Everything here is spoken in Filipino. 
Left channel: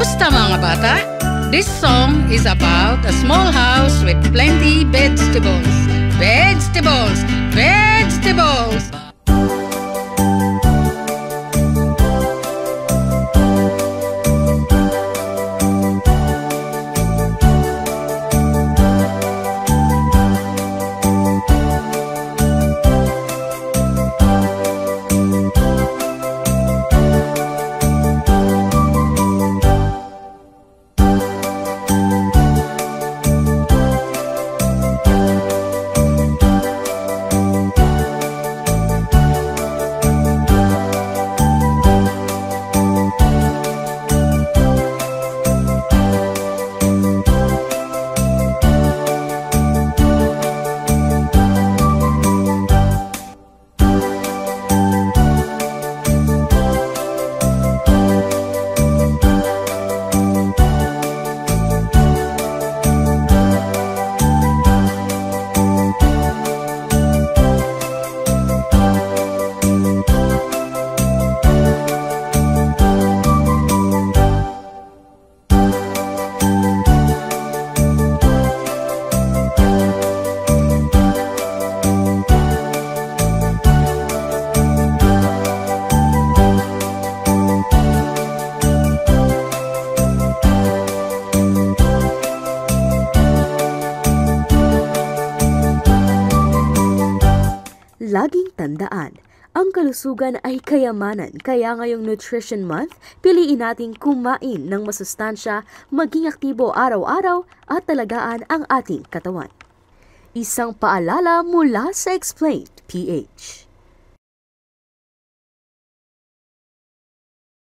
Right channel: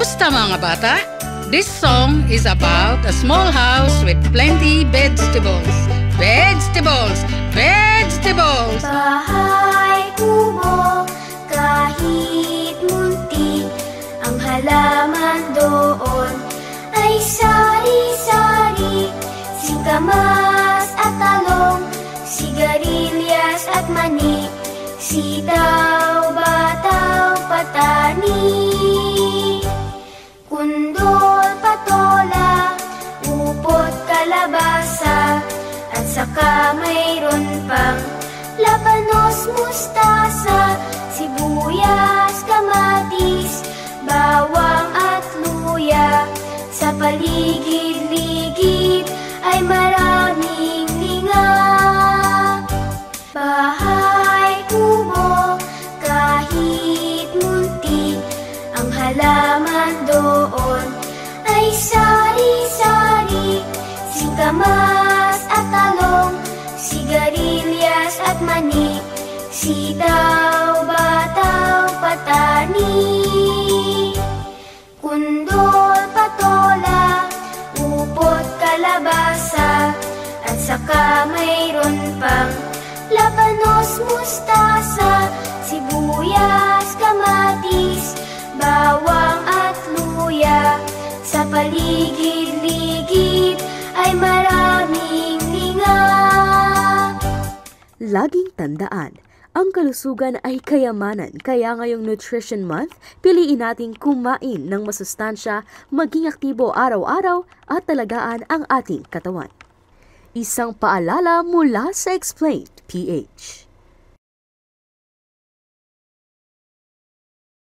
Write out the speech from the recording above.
Kamusta mga bata? This song is about a small house with plenty vegetables. Vegetables! Vegetables! Bahay kubo, kahit muntik, ang halaman doon ay sari-sari. Singkamas at talong, sigarilyas at mani, sitaw, bataw, patani, kundol, patola, upot, kalabasa, at saka mayroon pang labanos, mustasa, sibuyas, kamatis, bawang at luya. Sa paligid-ligid ay maraming linga. Bahay kubo, kahit muntik, ang halaman doon ay sari-sari. Singkamas at talong, sigarilyas at mani, sitaw, bataw, patani, kundol, patola, upot, kalabasa, at saka mayroon pang labanos, mustasa, sibuyas, kamatis, bawang at luya. Sa paligid-ligid ay maraming linga. Laging tandaan, ang kalusugan ay kayamanan, kaya ngayong Nutrition Month, piliin nating kumain ng masustansya, maging aktibo araw-araw at talagaan ang ating katawan. Isang paalala mula sa Explained PH.